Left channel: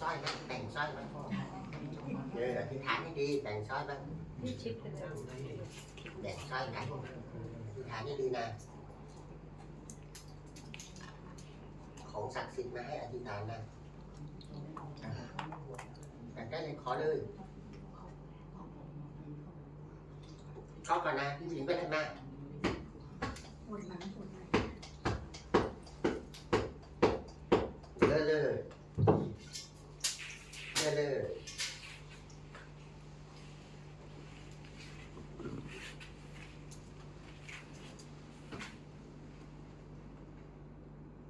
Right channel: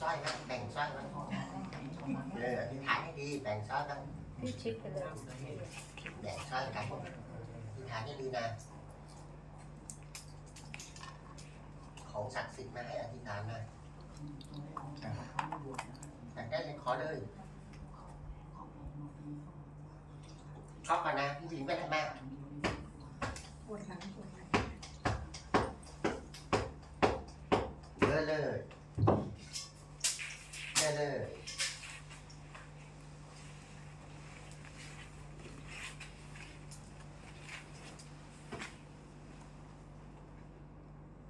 สร้อยนะแบ่งสร้อยนะเอออธิษฐานให้ดีแบ่งสร้อยไปเลยแบ่งสร้อยกันอธิษฐานให้ดีนะ ของศักดิ์สิทธิ์มาให้อธิษฐานนะอยากได้เลยขอเลยชอบกันนะพี่หญิงไปได้ไมเลยเลย เลยเลย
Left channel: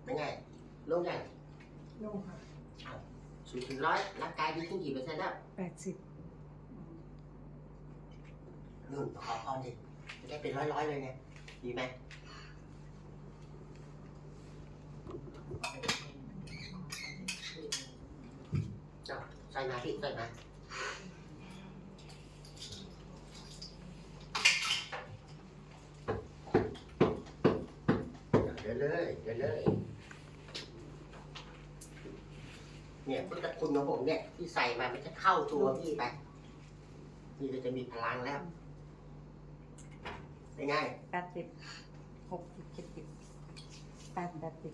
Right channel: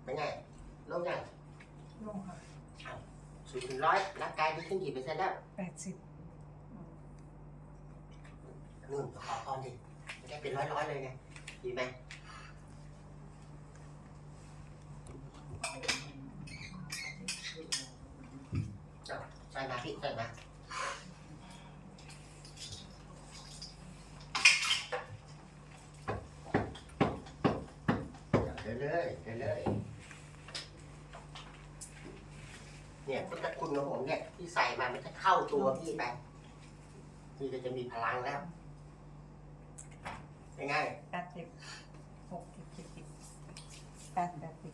เป็นไงโล่งยังโล่งค่ะศูนย์ถึงร้อยร่างกายดีขึ้นกี่เปอร์เซ็นต์แล้วแปดสิบนู่นขอพรดิจะได้เป็นร้อยร้อยๆเลยไง ดีไหมเจ้าใส่มาพี่ใส่มาเดินเลยเดินเลยเนี่ยพุทธคุณของผมเนี่ยที่ใส่มามันจะเข้าตัวพี่ไปพี่ก็จะมีพลังแล้วเป็นไงแปดสิบหกสิบเจ็ดสิบแปดแปดสิบ